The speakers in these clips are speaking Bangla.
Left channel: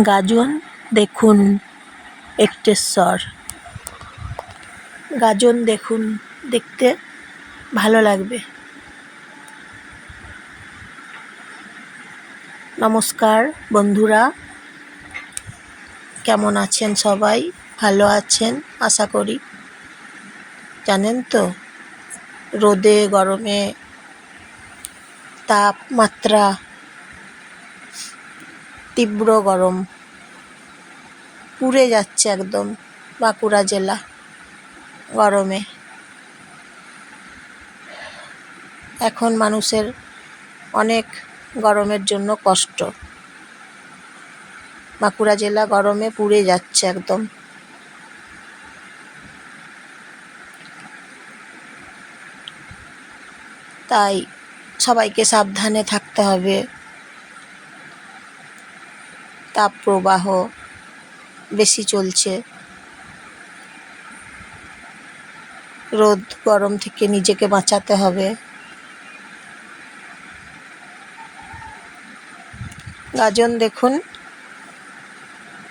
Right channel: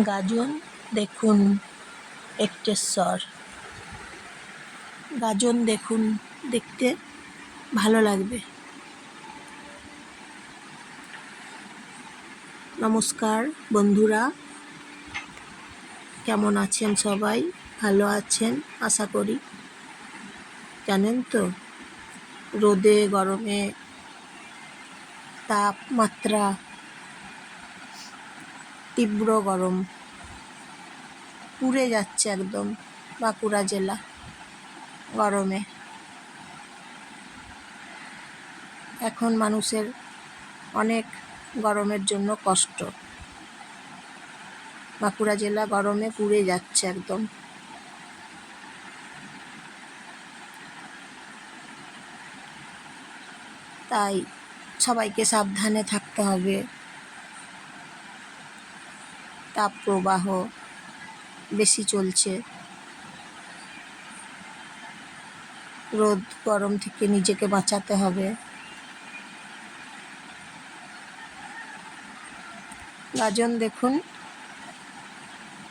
গাজন, দেখুন একটেশ্বর। গাজন, দেখুন, দেখতে ভালো লাগবে। নমস্কার বন্ধুরা, কেমন আছেন সবাই? ভালো আছেন? আশা করি। জানেন তো, রোদে, গরমে তাপমাত্রা তীব্র গরম। পুড়ে যাচ্ছে একদম বাঁকুড়া জেলা গরমে। এখন মানুষের অনেক গরমের জন্য কষ্ট। বাঁকুড়া জেলা গরমে পুড়ে যাচ্ছে একদম। তাই সবাইকে সাবধানে থাকতে হবে। তাপ প্রবাহ বেশি চলছে। রোদ গরম থেকে নিজেকে বাঁচাতে হবে। গাজন দেখুন।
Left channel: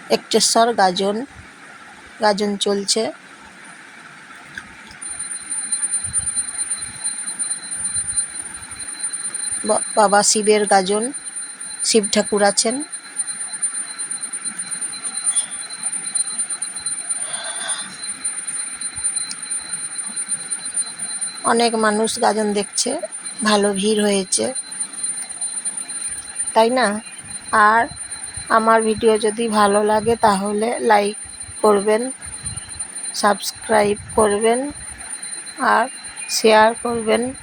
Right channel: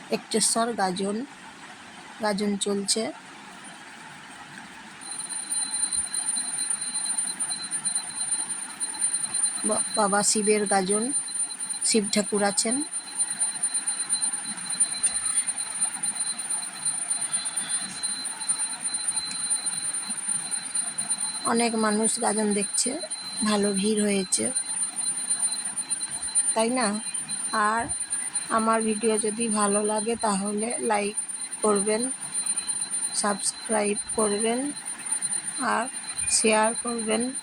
একটেশ্বর গাজন। গাজন চলছে। বাবা শিবের গাজন। শিব ঠাকুর আছেন। অনেক মানুষ গাজন দেখছে, ভালো ভিড় হয়েছে। তাই না? আর আমার ভিডিও যদি ভালো লাগে তাহলে লাইক করবেন, সাবস্ক্রাইব করবেন আর শেয়ার করবেন।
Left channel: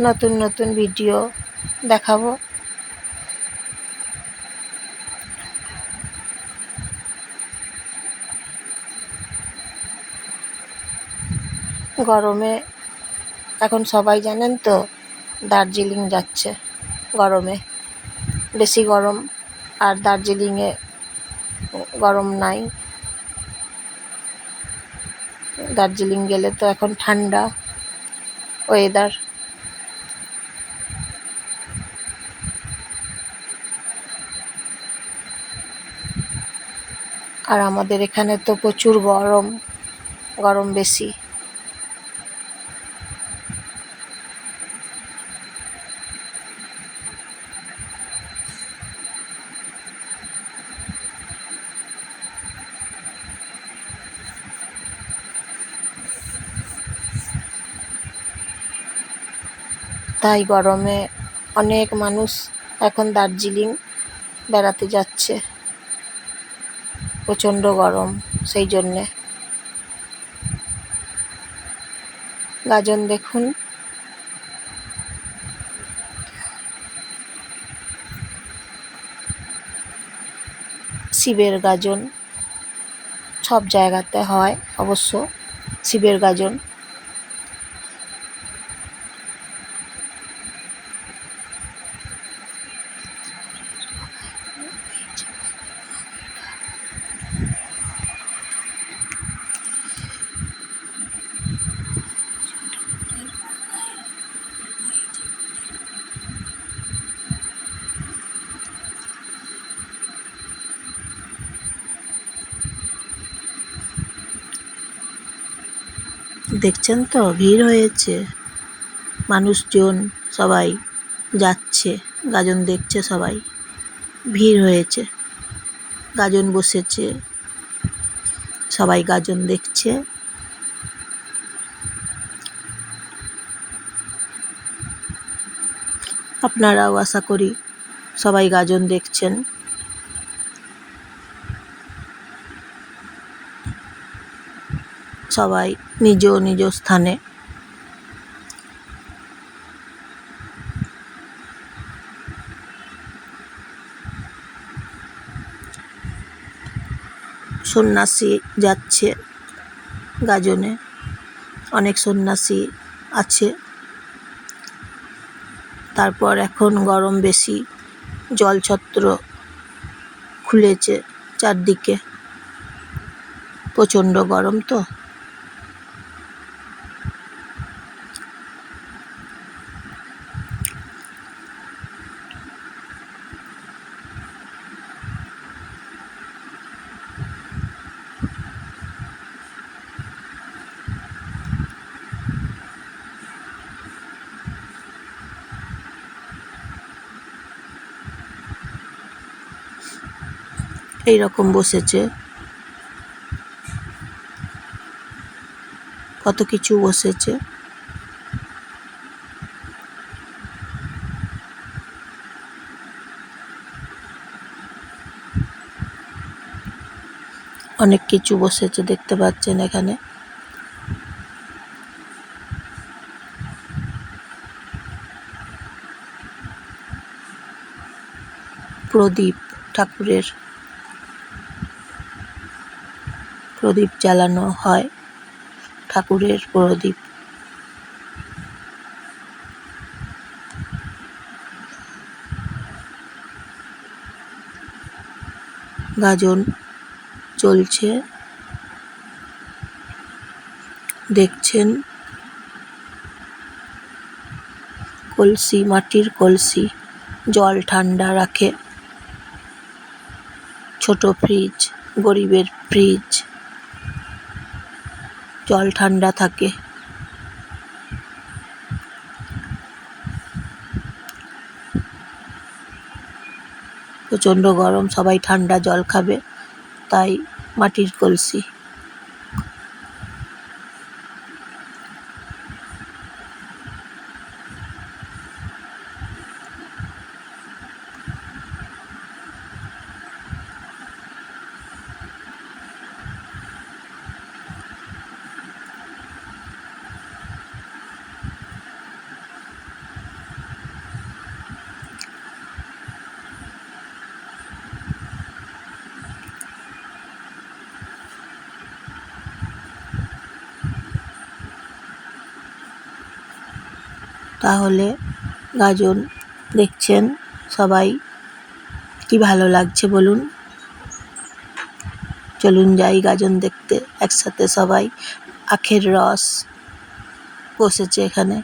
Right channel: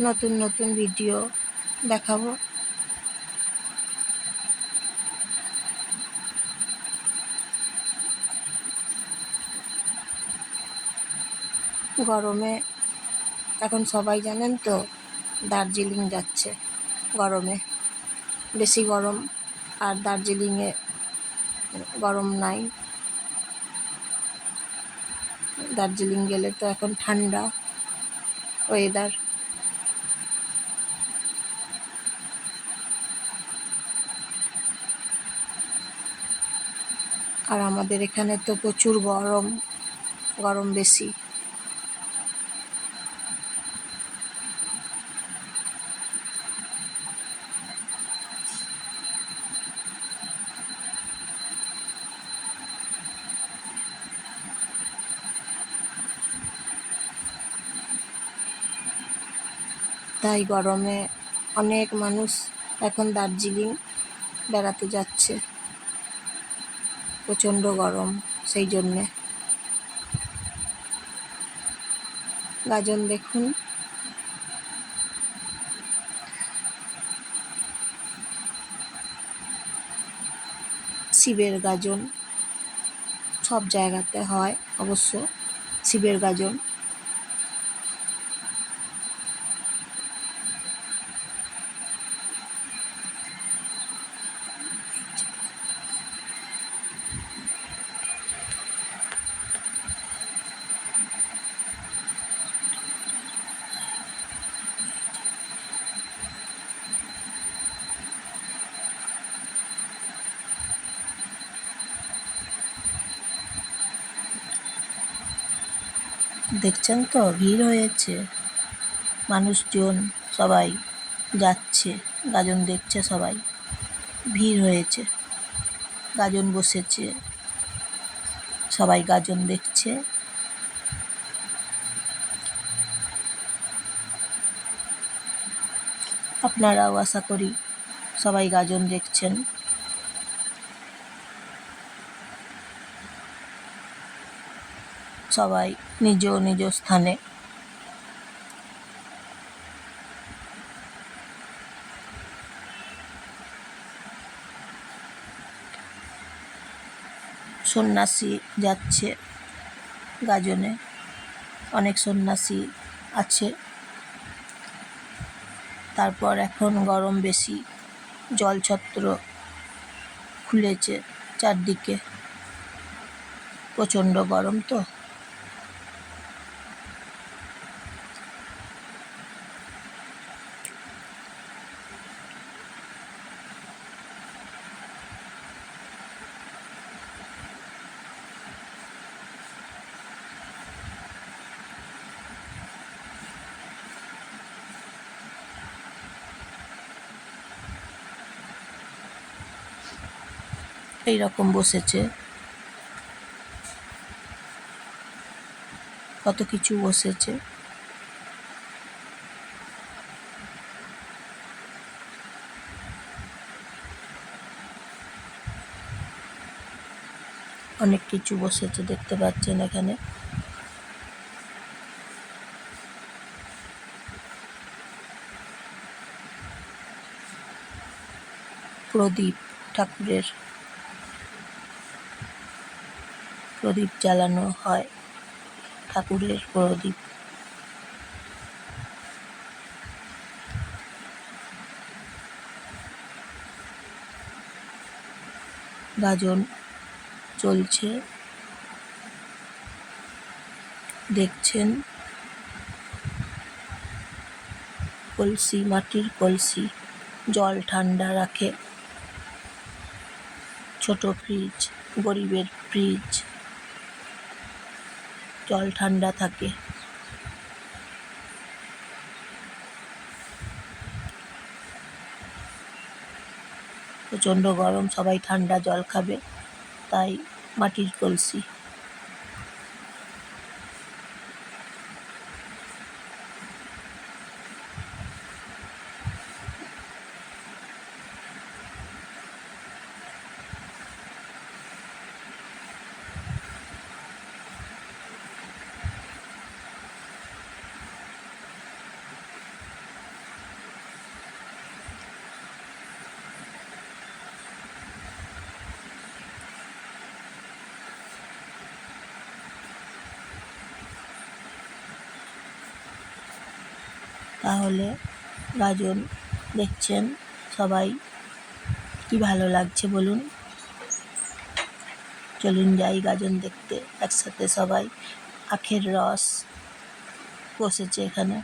নতুন নতুন ভিডিও দেখাবো। গরমে, এখন সবাই জানেন তো, দার্জিলিং যাচ্ছে গরমে। বেশি গরম আর দার্জিলিংয়ে গরম নাই। দার্জিলিং গেলে তো এখন ঠান্ডা ওয়েদার আর আমাদের এখানে তো প্রচুর গরম গরম বেশি। তাই গরমে অনেক মানুষ এখন দার্জিলিং বেড়াতে যাচ্ছে। প্রচণ্ড গরম সেই জন্যে। গাজন দেখুন। শিবের গাজন সব জায়গাতে হয় অবশ্য। শিবের গাজন দেখছেন তো? ভিড় হয়েছে। মানুষজন সবাই যাচ্ছে, গাজন দেখছে সবাই। ভিড় হয়েছে। গাজন বসেছে। সবাই গাজন দেখছে। আপনারাও আশা করি সবাই গাজন দেখছেন। সবাই নিজ নিজ স্থানে। সন্ন্যাসী যাচ্ছে গাজনে। অনেক সন্ন্যাসী আছে। তারপর এখন গরম বেশি, জলছত্র খুলেছে চারদিকে। প্রচণ্ড গরম তো। এই রকম বসেছে। কত কিছু বসেছে। অনেক কিছু বসেছে দেখতে পাচ্ছেন এখানে। প্রদীপ ঠাকুরের প্রদীপ জ্বালানো হয়, ঠাকুরের প্রদীপ। গাজন চলছে, দেখছেন কলসি, মাটির কলসি, জল ঠান্ডা রাখে। ছোট ফ্রিজ, গরিবের ফ্রিজ। জল ঠান্ডা থাকে। প্রচণ্ড গরম সবাই ঠান্ডা জল খাবে তাই মাটির কলসি। তাহলে গাজন দেখছেন সবাই। কি ভালো লাগছে বলুন। চলুন যাই গাজন দেখতে একসাথে সবাই। আখের রস বসেছে এখানে।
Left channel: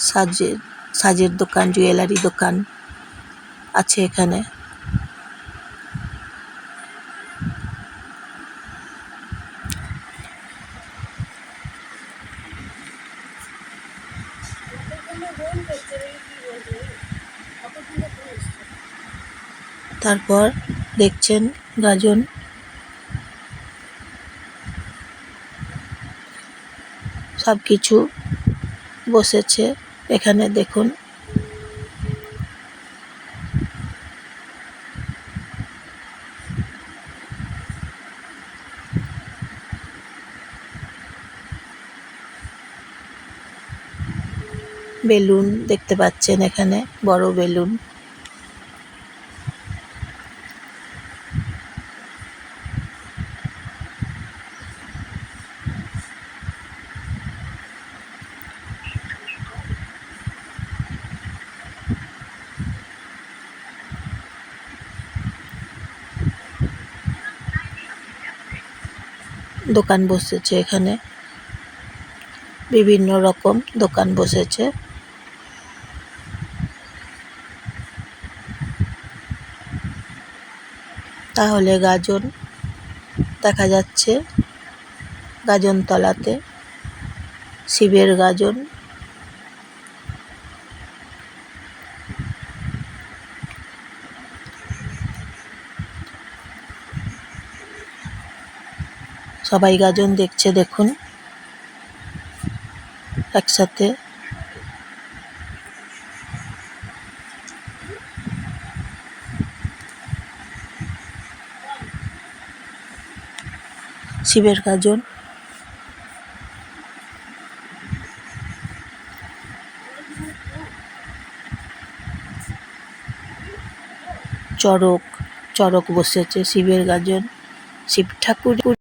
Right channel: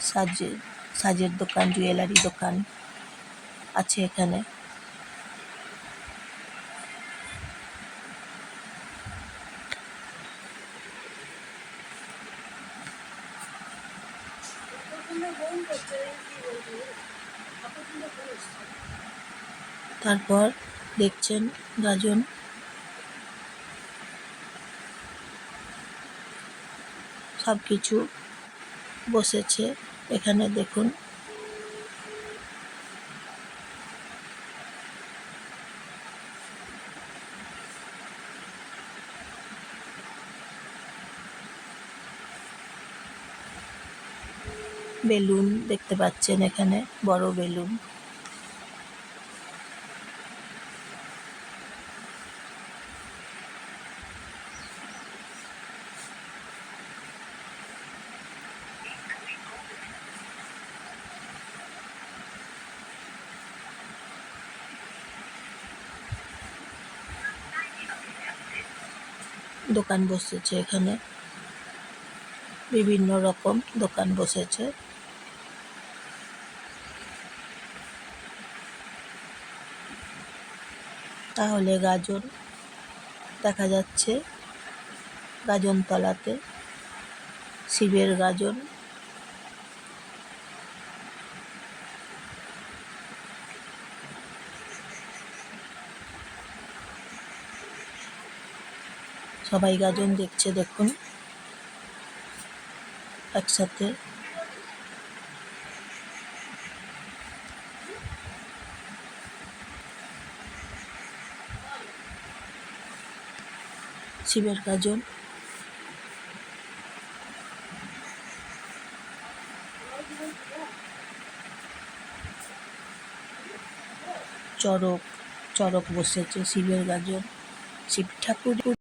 সাজের সাজের দোকান, জুয়েলারি দোকান আছে এখানে। তারপর দেখছেন গাজন। সব কিছু বসেছে এখানে দেখুন। বেলুন দেখতে পাচ্ছেন এখানে বড় বেলুন। দোকান বসেছে এখানে। বিভিন্ন রকম দোকান বসেছে। তাহলে গাজন দেখা যাচ্ছে। গাজন তলাতে শিবের গাজন। সবাই গাজন দেখছে দেখুন। একসাথে। শিবের গাজন। চড়ক চরক বসেছে শিবের গাজন। শিব ঠাকুর